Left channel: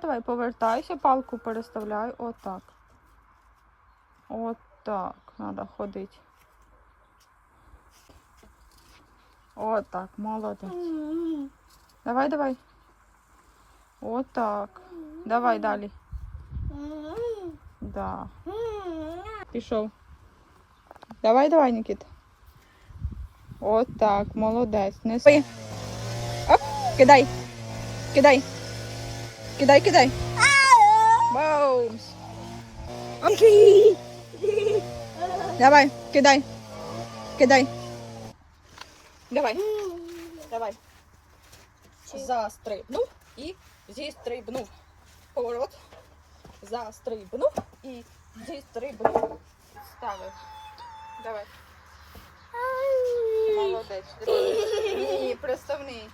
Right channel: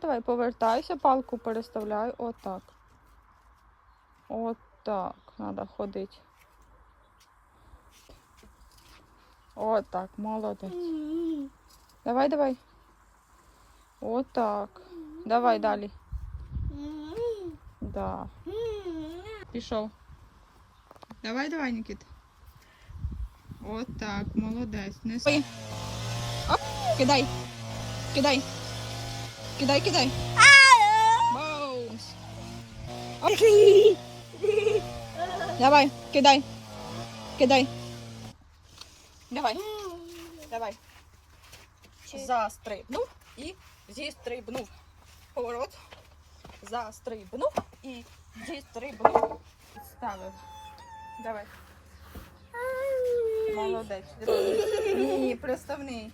Давай повертайся, палку переставляй. Отак. Отак. Треба ходити. Отак, молодець. Давай, давай. Отак. Давай далі. Да. Пішов. Давай, давай, Нікіт. Отак, молодець. Неси. Оп, кидай. Кидай. Кидай, кидай. Баумс. Оп. Давай, кидай. Кидай. Давай. Давай. Застрибнув і зістрибнув. Поворот. Застрибнув і зістрибнув. Ставив. Давай. Молодець. Ні, приставний.